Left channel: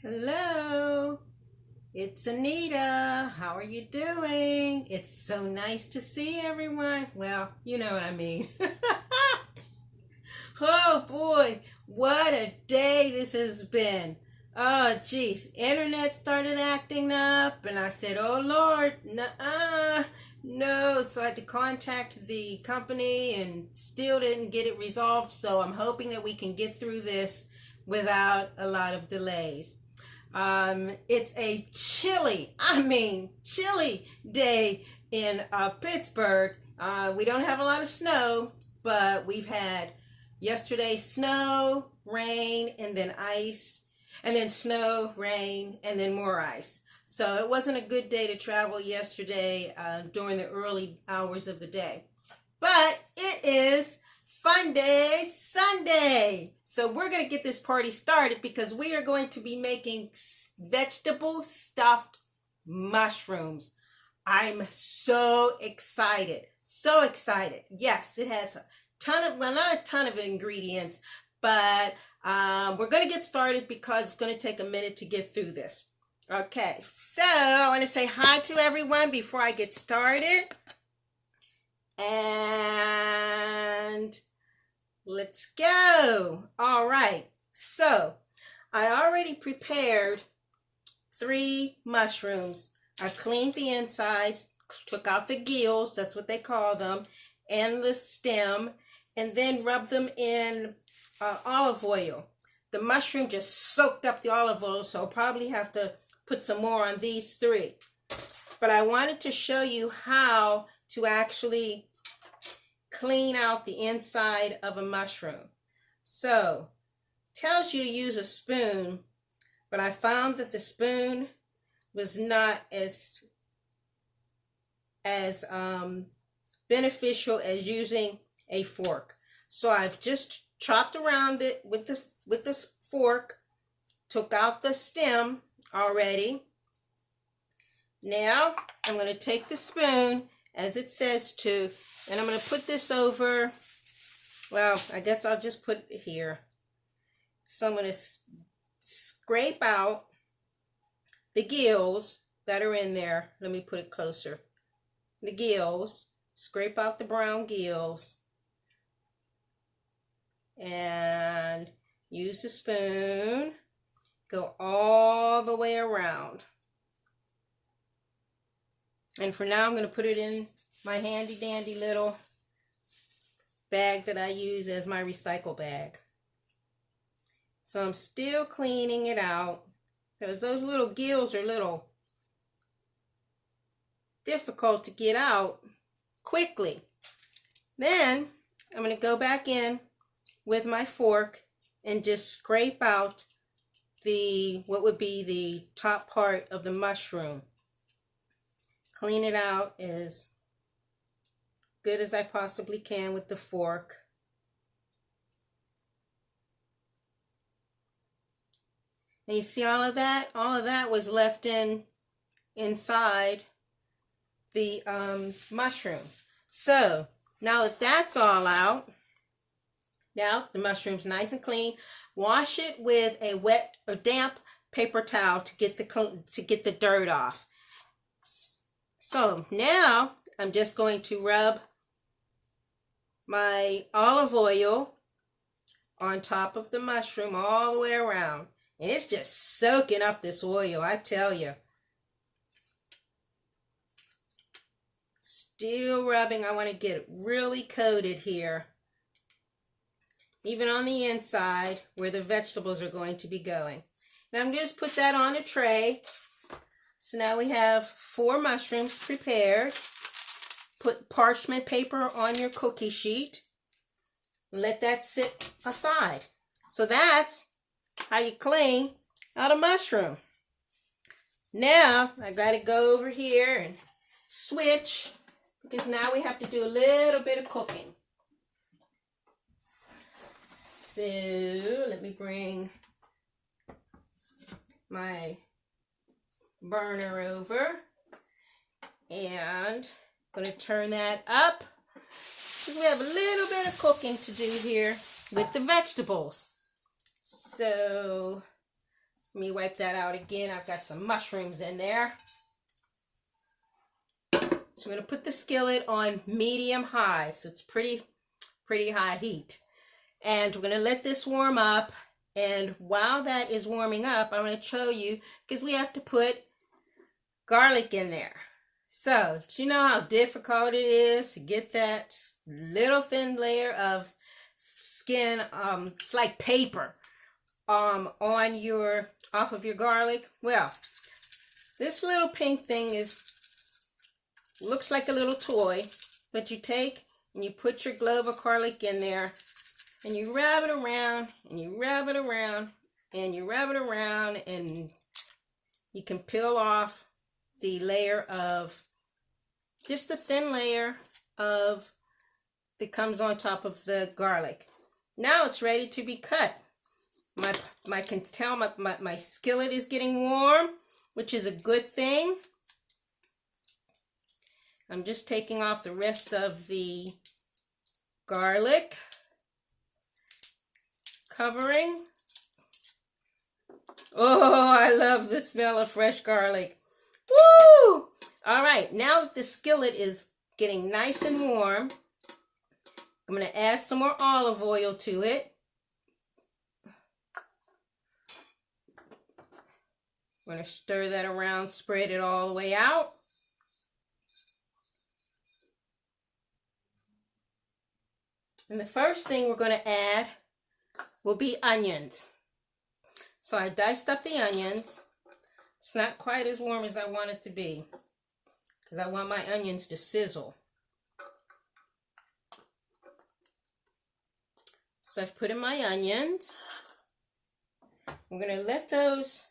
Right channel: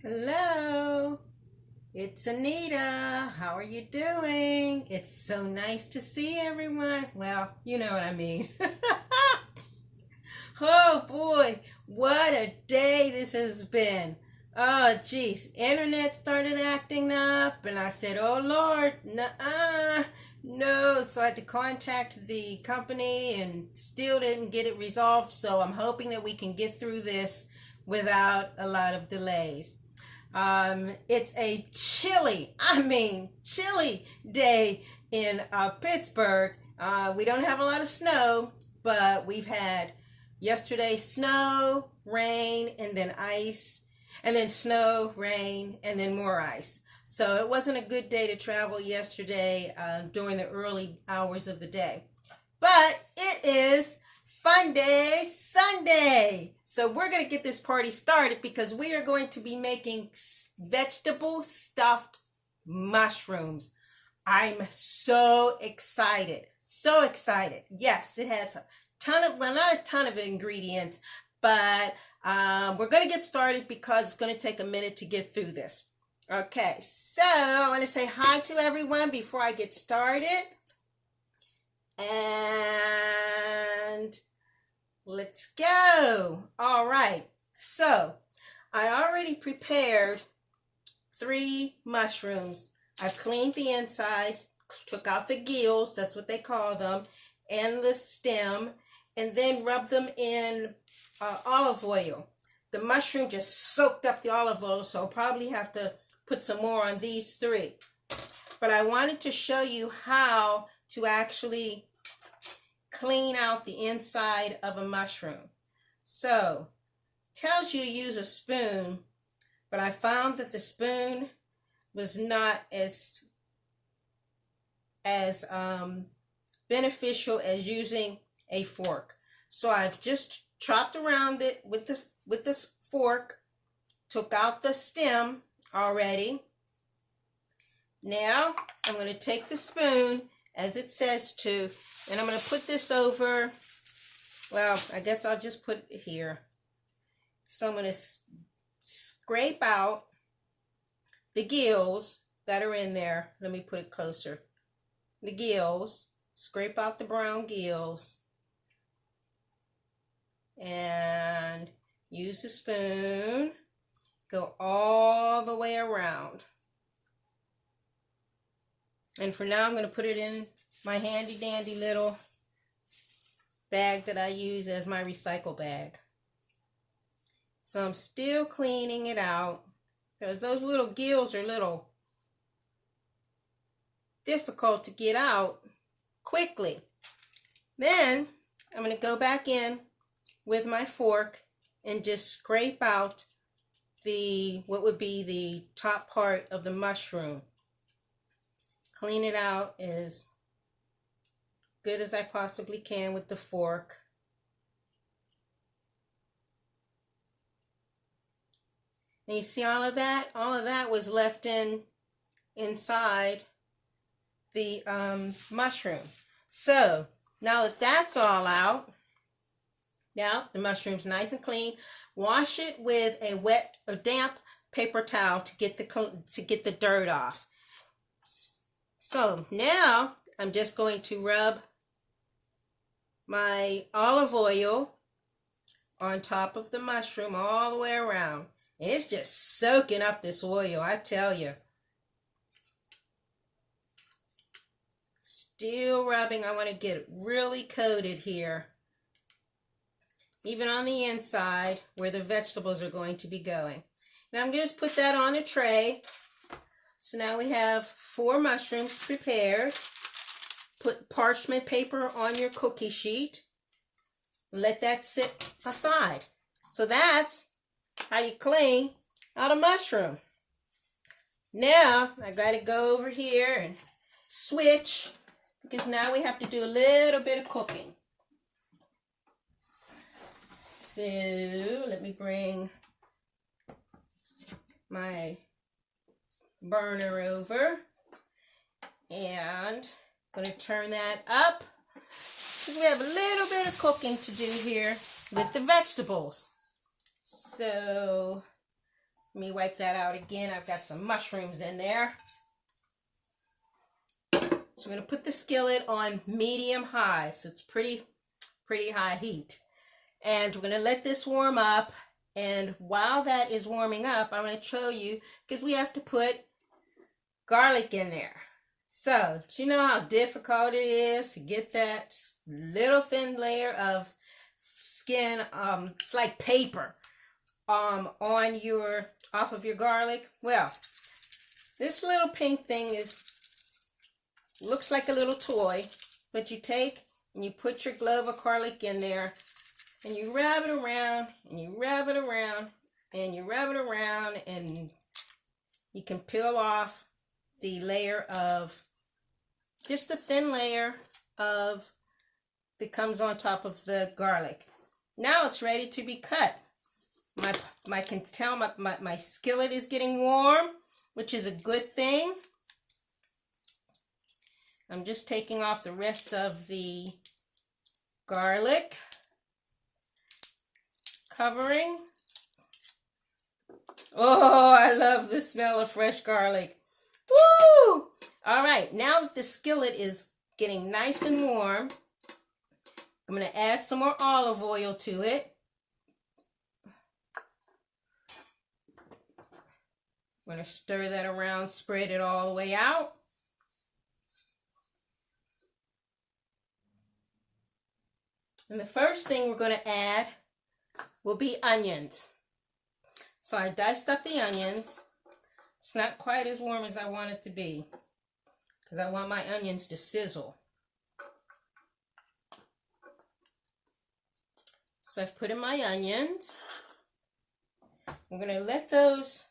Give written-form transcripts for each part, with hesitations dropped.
Hello, it's Anita. How are you doing? It's so nice to see everyone. Well, you know what I mean. Oh boy, what a day this has been. Oh geez, internet started acting up and I said, oh Lord, no. So I had to contact the company and still didn't get it resolved. So I'm hoping that we can get through this without a lot of delays. It's a chilly day in Pittsburgh. We don't have a lot of snow, but we've had yesterday snow, rain, and then ice, and then snow, rain, and then more ice. So it wasn't a good day to travel yesterday during the early hours of the day. But it is Fun Day Sunday. So we're going to get this party started because we are going to be making vegetable stuffed mushrooms. I'm so excited. So excited. Yes, it has a ton of, well, not a ton of ingredients, but we're going to get started because it's going to take a minute to get through this. Okay, so I want to say hi to everyone before I get started. And let's go. All right. So I already prepared 3 mushrooms. I cleaned the insides, took out the gills, that's what they call them, and the stem, and then rubbed them in olive oil. The mushroom just soaked up the olive oil, so I'll probably have to put some more on these 3. But I wanted to show you how to actually clean out the inside of a mushroom. So, tells you to use a spoon, but I found that the spoon was not as beneficial as using a fork. So I've just chopped around it with this fork, took out the stem already. Now I'm going to take the spoon as it says to, and I'm going to put this over, well, I guess I'll just put it here. So I'm going to scrape out the gills that are in there. Let me put it closer. The gills, scrape out the brown gills, and use the spoon, go all the way around. And for now, I'm going to put it in my handy dandy little bag that I use as my recycle bag. So I'm still cleaning it out because those little gills are a little difficult to get out quickly. Then I'm going to go back in with my fork and just scrape out what would be the top part of the mushroom. Clean it out as good as I possibly can with the fork. And you see all of that? All of that was left inside the mushroom. So now that that's all out, now the mushroom's nice and clean. Wash it with a wet or damp paper towel to get the dirt off. So now I'm just going to rub my olive oil on top of the mushroom all the way around. And it's just soaking up this oil, I tell you. Still rubbing. I want to get it really coated here. Even on the inside where the vegetables are going to be going. Now I'm going to just put that on a tray. So now we have 4 mushrooms prepared. Put parchment paper on your cookie sheet. Let that sit aside. So that's how you clean out a mushroom. Now I got to go over here and switch because now we have to do a little bit of cooking. So let me bring my burner over and I'm going to turn that up because we have a little bit of cooking to do here with the vegetables. So Let me wipe that out again. I've got some mushrooms in there. So I'm going to put the skillet on medium high. So it's pretty high heat. And we're going to let this warm up. And while that is warming up, I'm going to show you, because we have to put garlic in there. So, do you know how difficult it is to get that little thin layer of skin, it's like paper, off of your garlic? Well, this little pink thing looks like a little toy, but you take and you put your clove of garlic in there, and you rub it around, and you rub it around, and you rub it around, and you can peel off the layer of, just a thin layer of, that comes on top of the garlic. Now it's ready to be cut. I can tell my skillet is getting warm, which is a good thing. I'm just taking off the rest of the garlic covering. Oh, I love the smell of fresh garlic. Woo! All right, now that the skillet is getting nice and warm, I'm going to add some more olive oil to it. I'm going to stir that around, spread it all the way out. And the first thing we're going to add will be onions. So I diced up the onions. It's not quite as warm as I want it to be, because I want my onions to sizzle. So I've put in my onions. I'm going to let those,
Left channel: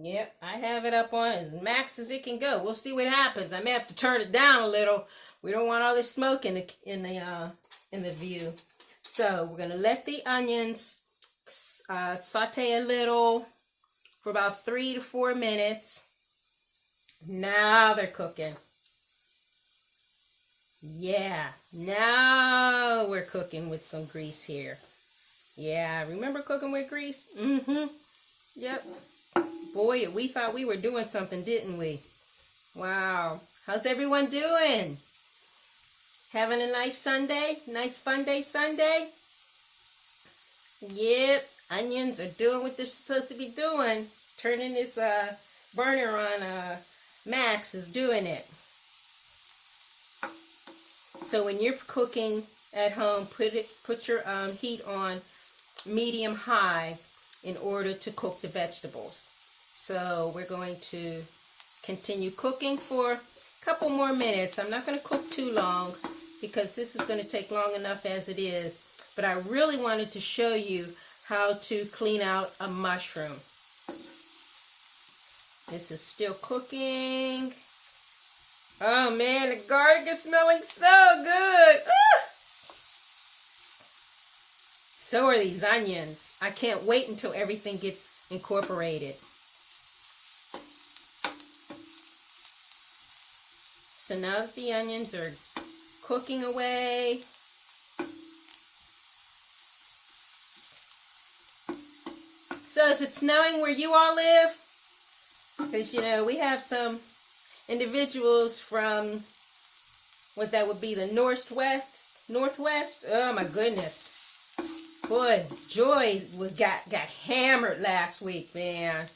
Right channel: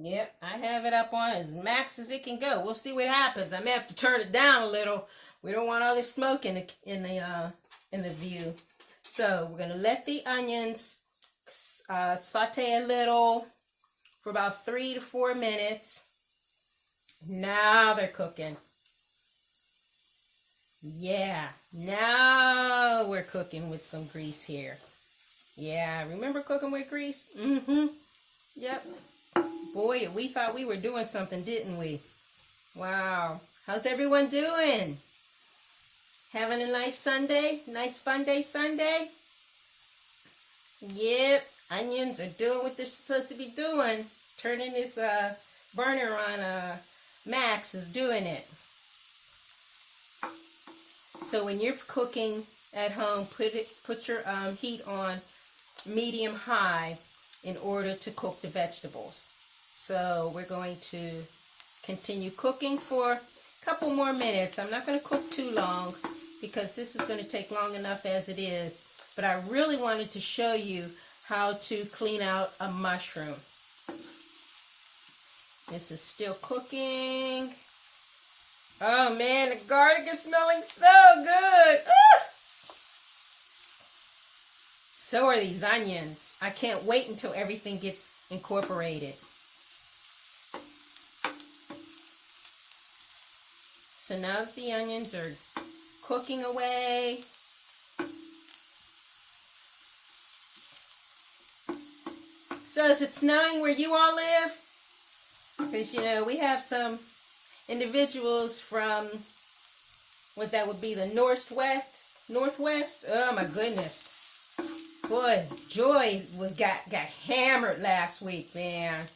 yep, I have it up on as max as it can go. We'll see what happens. I may have to turn it down a little. We don't want all this smoke in the view. So we're going to let the onions saute a little for about 3 to 4 minutes. Now they're cooking. Yeah, now we're cooking with some grease here. Yeah, remember cooking with grease? Mm-hmm. Yep. Boy, we thought we were doing something, didn't we? Wow. How's everyone doing? Having a nice Sunday? Nice fun day Sunday? Yep. Onions are doing what they're supposed to be doing. Turning this burner on max is doing it. So when you're cooking at home, put your heat on medium high in order to cook the vegetables. So we're going to continue cooking for a couple more minutes. I'm not going to cook too long because this is going to take long enough as it is. But I really wanted to show you how to clean out a mushroom. This is still cooking. Oh man, the garlic is smelling so good. Ah! So are these onions. I can't wait until everything gets incorporated. So now that the onions are cooking away, so is it snowing where you all live? Because, you know, we have some individuals from what that would be the northwest. Oh my goodness. Boy, Joy got hammered last week, man.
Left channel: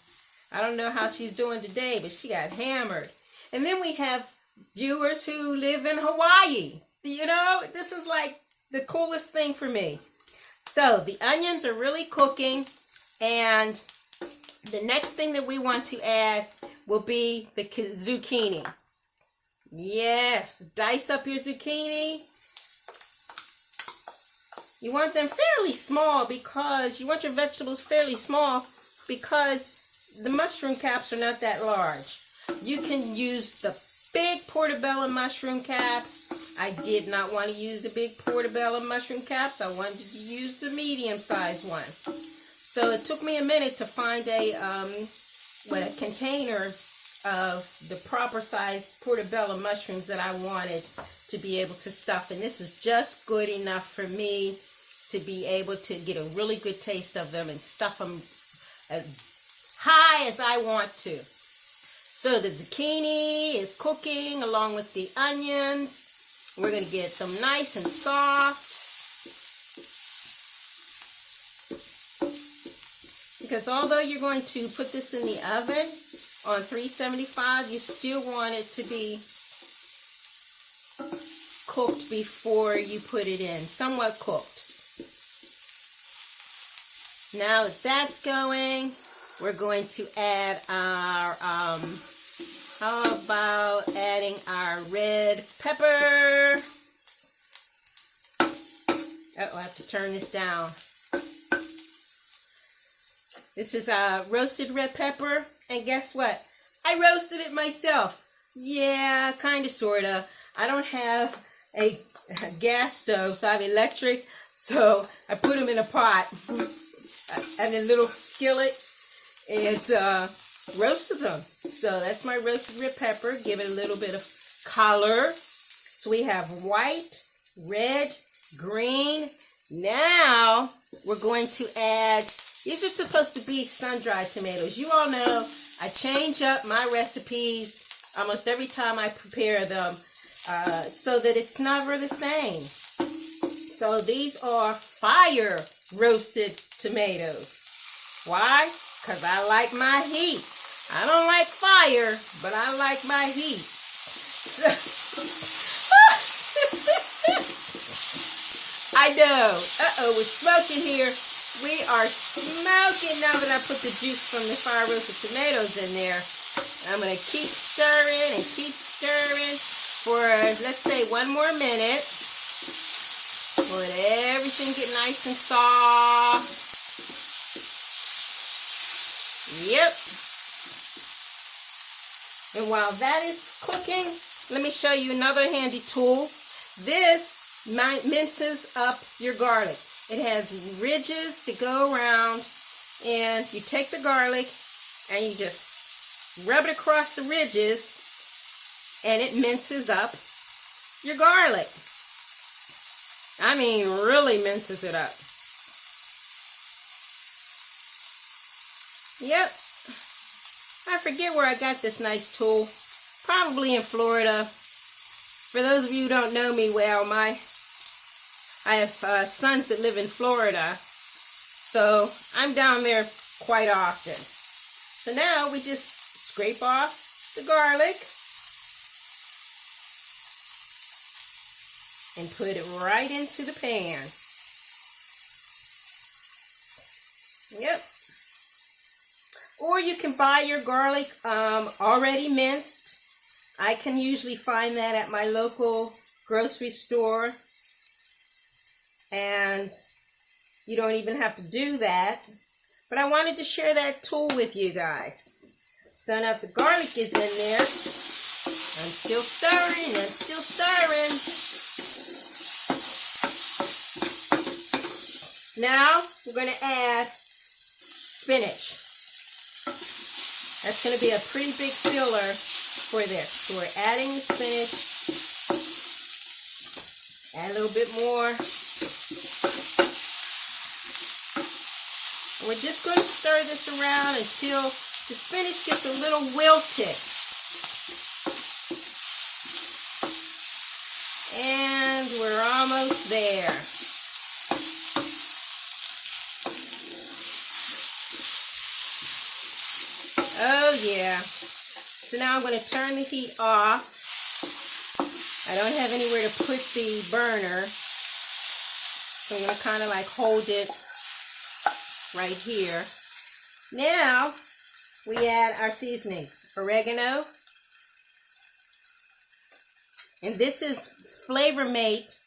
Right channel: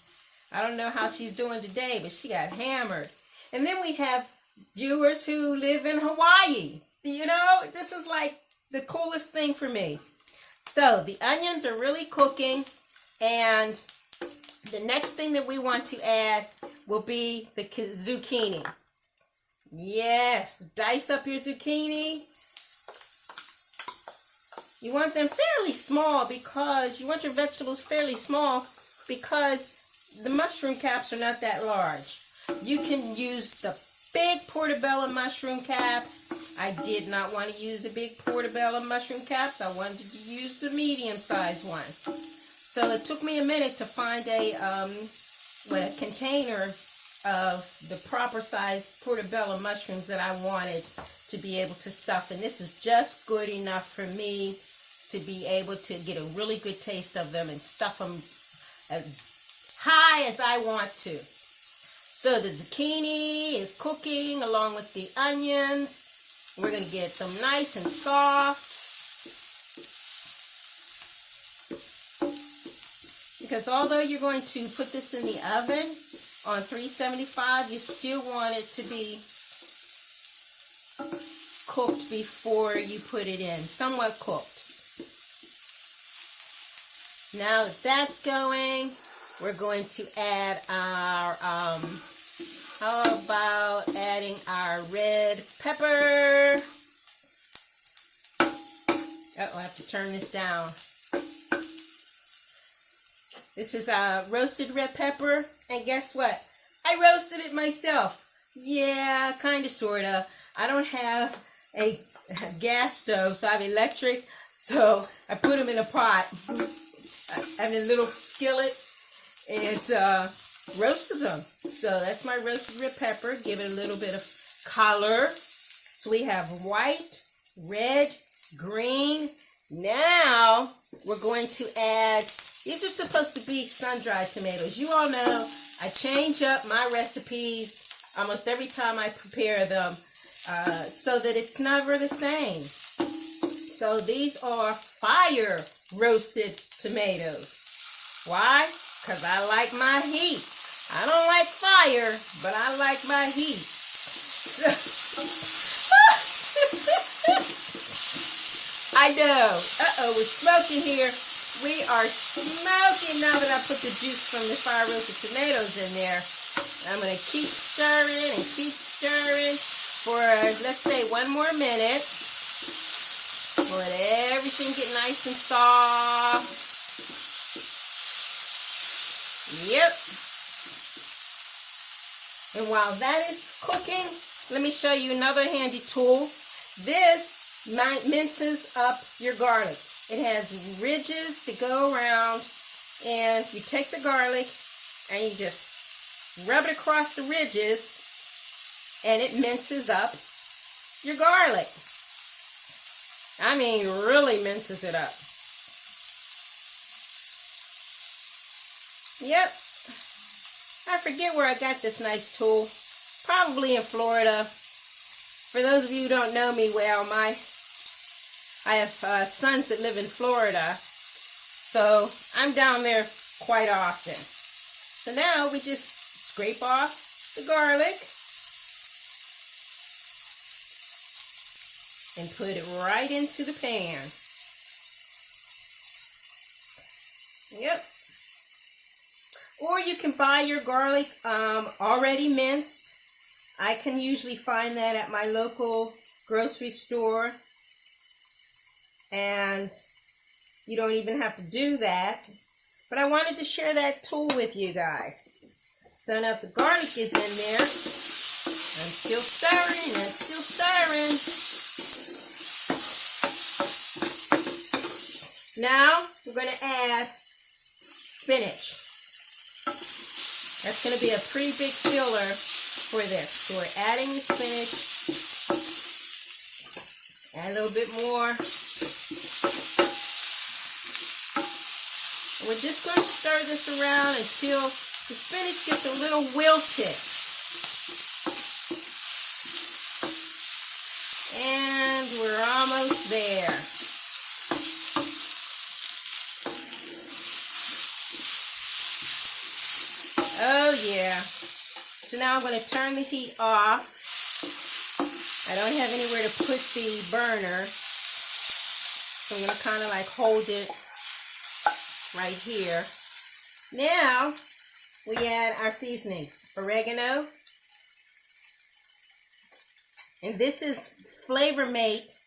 I don't know how she's doing today, but she got hammered. And then we have viewers who live in Hawaii. You know, this is like the coolest thing for me. So the onions are really cooking, and the next thing that we want to add will be the zucchini. Yes, dice up your zucchini. You want them fairly small because you want your vegetables fairly small because the mushroom caps are not that large. You can use the big Portabella mushroom caps. I did not want to use the big Portabella mushroom caps. I wanted to use the medium-sized one. So it took me a minute to find a container of the proper size Portabella mushrooms that I wanted to be able to stuff. And this is just good enough for me. to be able to get a really good taste of them and stuff them as high as I want to. So the zucchini is cooking along with the onions. We're going to get them nice and soft. Because although you're going to put this in the oven on 375, you still want it to be cooked before you put it in, somewhat cooked. Now that that's going, we're going to add our, how about adding our red pepper? Oh, I have to turn this down. This is roasted red pepper, and guess what? I roasted it myself. Yeah, kind of, sort of. I don't have a gas stove, so I have electric, so I put them in a pot. I have a little skillet, and roasted them. So that's my roasted red pepper. Give it a little bit of color. So we have white, red, green. Now we're going to add, these are supposed to be sun-dried tomatoes. You all know I change up my recipes almost every time I prepare them so that it's never the same. So these are fire roasted tomatoes. Why? Because I like my heat. I don't like fire, but I like my heat. I know. Uh-oh, we're smoking here. We are smoking now that I put the juice from the fire roasted tomatoes in there. I'm going to keep stirring and keep stirring for, let's say, 1 more minute. Let everything get nice and soft. Yep. And while that is cooking, let me show you another handy tool. This minces up your garlic. It has ridges that go around, and you take the garlic and you just rub it across the ridges, and it minces up your garlic. I mean, really minces it up. Yep. I forget where I got this nice tool. Probably in Florida. For those of you who don't know me well, I have sons that live in Florida. So I'm down there quite often. So now we just scrape off the garlic and put it right into the pan. Yep. Or you can buy your garlic already minced. I can usually find that at my local grocery store. And you don't even have to do that. But I wanted to share that tool with you guys. So now if the garlic is in there, I'm still stirring, I'm still stirring. Now we're going to add spinach. That's going to be a pretty big filler for this. So we're adding the spinach. Add a little bit more. We're just going to stir this around until the spinach gets a little wilted. And we're almost there. Oh yeah. So now I'm going to turn the heat off. I don't have anywhere to put the burner. So I'm going to kind of like hold it right here. Now we add our seasonings. Oregano. And this is Flavor Mate.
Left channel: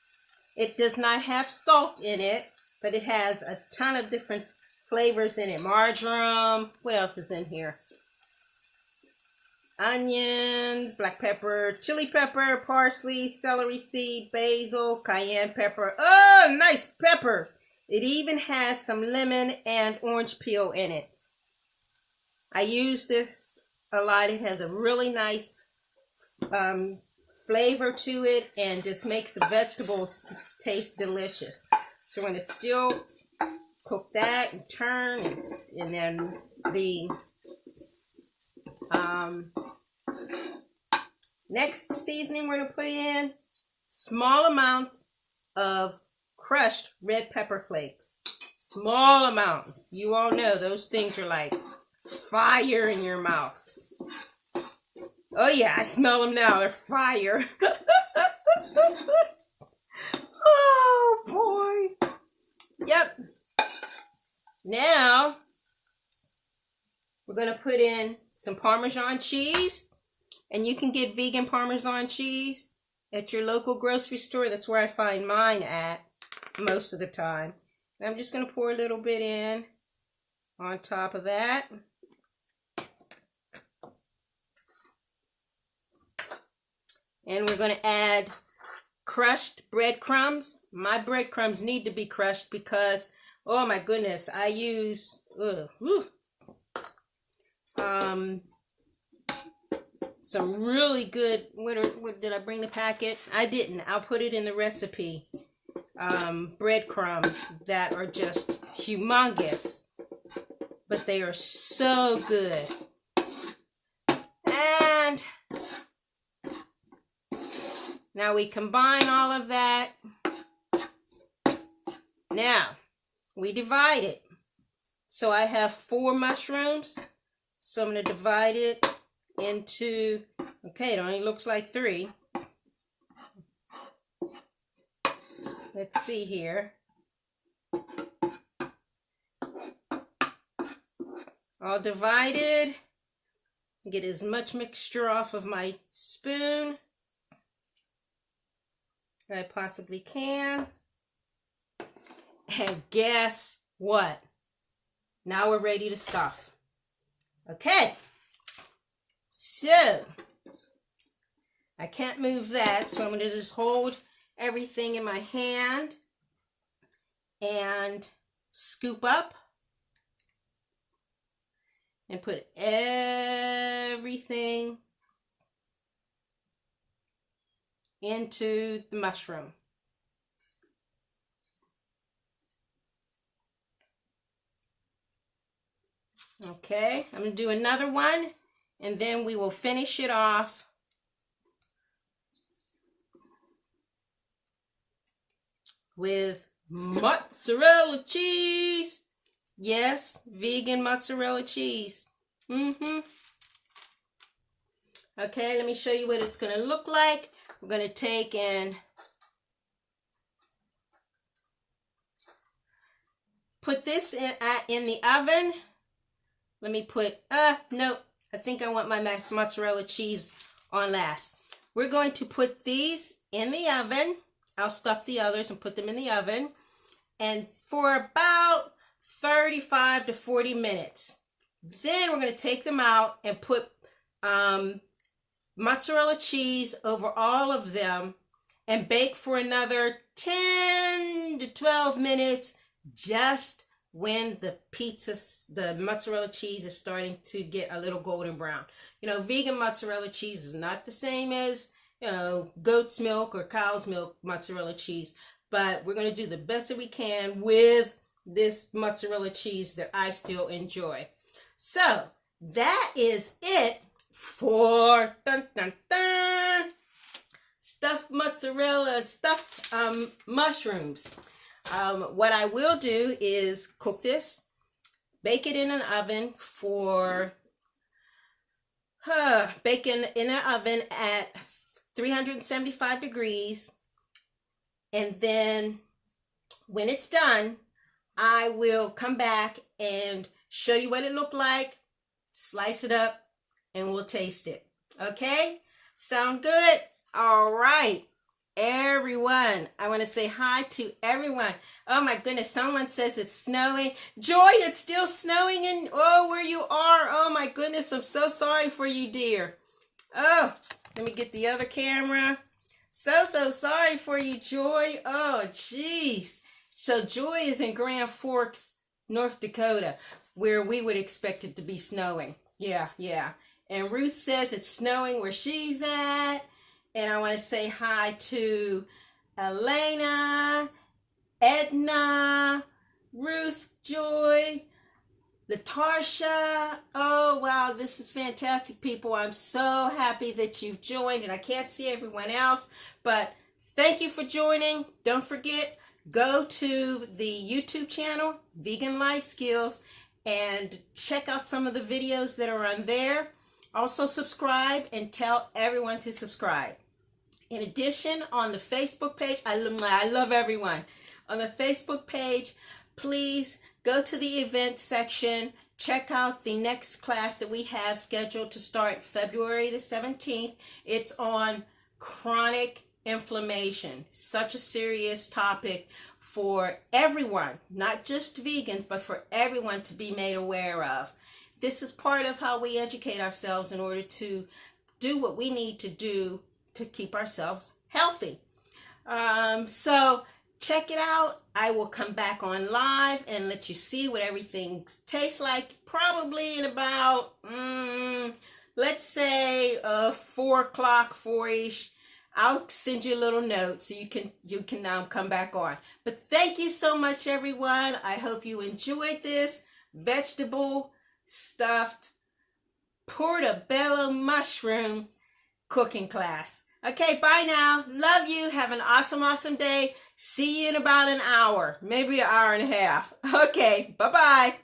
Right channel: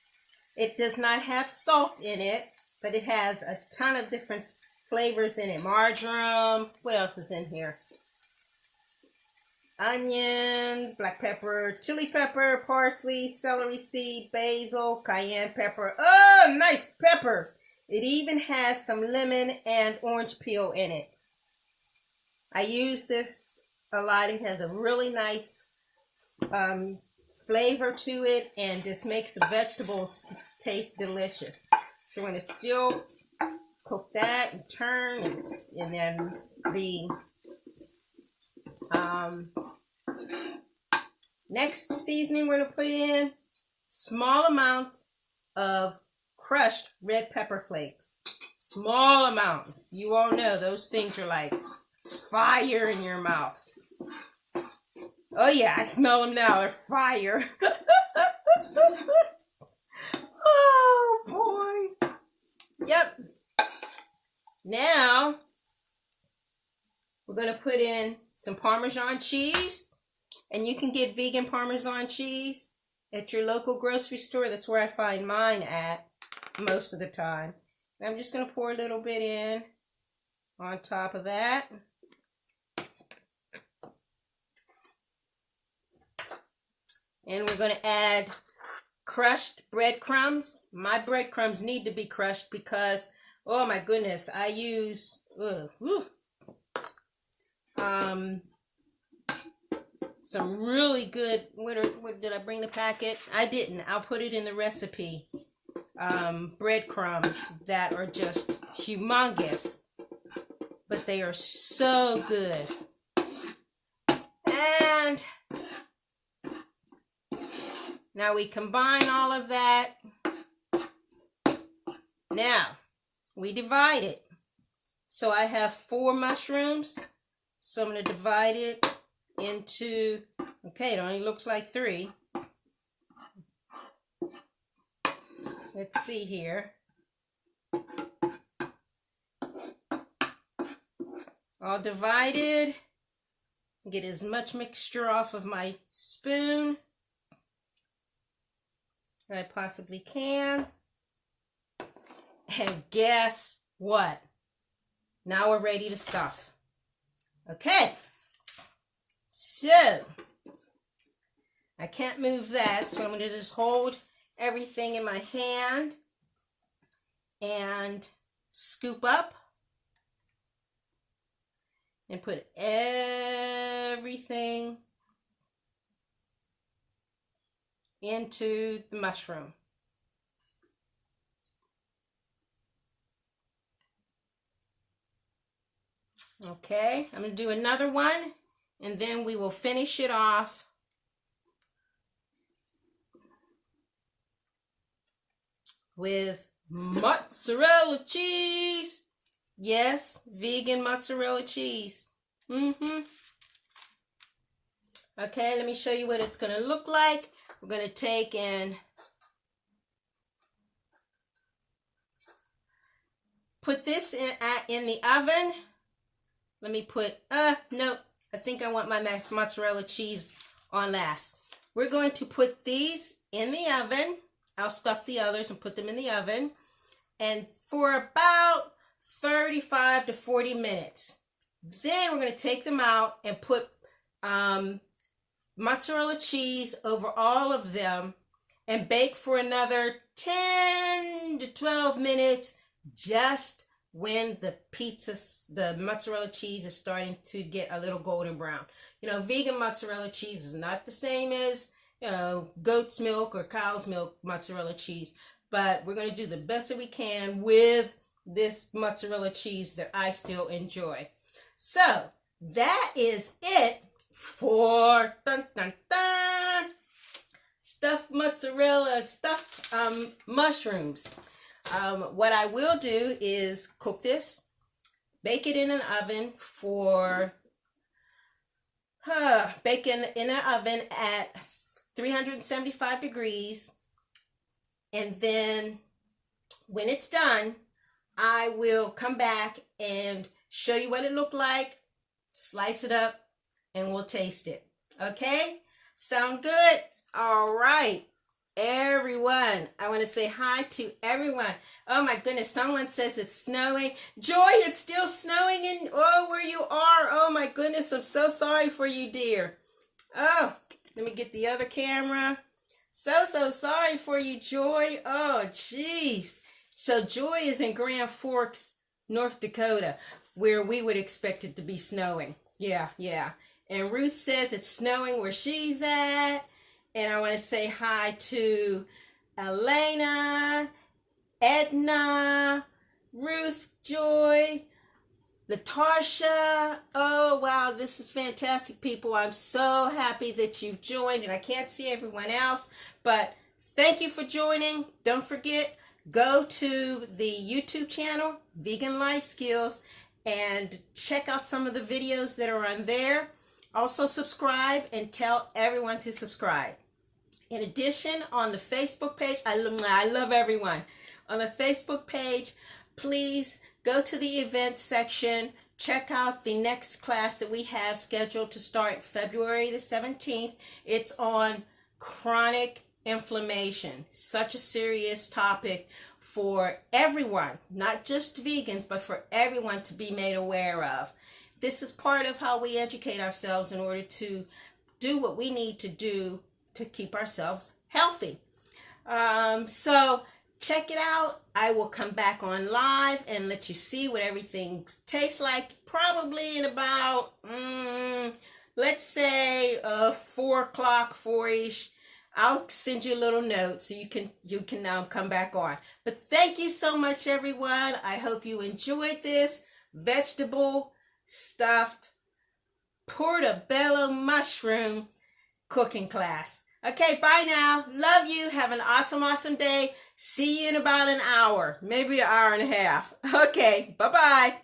It does not have salt in it, but it has a ton of different flavors in it. Marjoram. What else is in here? Onions, black pepper, chili pepper, parsley, celery seed, basil, cayenne pepper. Oh, nice pepper. It even has some lemon and orange peel in it. I use this a lot. It has a really nice flavor to it and just makes the vegetables taste delicious. So we're going to still cook that and turn, and then the next seasoning we're going to put in small amount of crushed red pepper flakes. Small amount. You all know those things are like fire in your mouth. Oh yeah, I smell them now. They're fire. Oh boy. Yep. Now we're going to put in some Parmesan cheese. And you can get vegan Parmesan cheese at your local grocery store. That's where I find mine at most of the time. And I'm just going to pour a little bit in on top of that. And we're going to add crushed breadcrumbs. My breadcrumbs need to be crushed because, oh my goodness, I use some really good, what did I bring the packet? I didn't. I'll put it in the recipe. Breadcrumbs that are just humongous, but they are so good. And now we combine all of that. Now we divide it. So I have 4 mushrooms. So I'm going to divide it into, okay, it only looks like 3. Let's see here. All divided. Get as much mixture off of my spoon as I possibly can. And guess what? Now we're ready to stuff. Okay. So, I can't move that, so I'm going to just hold everything in my hand and scoop up and put everything into the mushroom. Okay, I'm going to do another one, and then we will finish it off with mozzarella cheese. Yes, vegan mozzarella cheese. Okay, let me show you what it's going to look like. We're going to take and put this in the oven. Let me put, nope, I think I want my mozzarella cheese on last. We're going to put these in the oven. I'll stuff the others and put them in the oven. And for about 35 to 40 minutes. Then we're going to take them out and put mozzarella cheese over all of them and bake for another 10 to 12 minutes, just when the mozzarella cheese is starting to get a little golden brown. You know, vegan mozzarella cheese is not the same as, you know, goat's milk or cow's milk mozzarella cheese, but we're going to do the best that we can with this mozzarella cheese that I still enjoy. So that is it for stuffed mozzarella, stuffed mushrooms. What I will do is cook this, bake it in an oven for, bake it in an oven at 375 degrees. And then when it's done, I will come back and show you what it looked like, slice it up, and we'll taste it. Okay? Sound good? All right. Everyone, I want to say hi to everyone. Oh my goodness, someone says it's snowing. Joy, it's still snowing in, where you are. Oh my goodness, I'm so sorry for you, dear. Oh, let me get the other camera. So sorry for you, Joy. Oh, jeez. So Joy is in Grand Forks, North Dakota, where we would expect it to be snowing. Yeah. And Ruth says it's snowing where she's at. And I want to say hi to Elena, Edna, Ruth Joy, Latarsha. Oh, wow, this is fantastic, people. I'm so happy that you've joined, and I can't see everyone else, but thank you for joining. Don't forget, go to the YouTube channel, Vegan Life Skills, and check out some of the videos that are on there. Also subscribe and tell everyone to subscribe. In addition, on the Facebook page, I love everyone. On the Facebook page, please go to the event section. Check out the next class that we have scheduled to start February the 17th. It's on chronic inflammation. Such a serious topic for everyone, not just vegans, but for everyone to be made aware of. This is part of how we educate ourselves in order to do what we need to do to keep ourselves healthy. So check it out. I will come back on live and let you see what everything tastes like, probably in about, let's say 4 o'clock, 4-ish. I'll send you a little note so you can come back on. But thank you so much, everyone. I hope you enjoyed this vegetable stuffed portabella mushroom cooking class. Okay, bye now. Love you. Have an awesome day. See you in about an hour, maybe an hour and a half. Okay, bye-bye.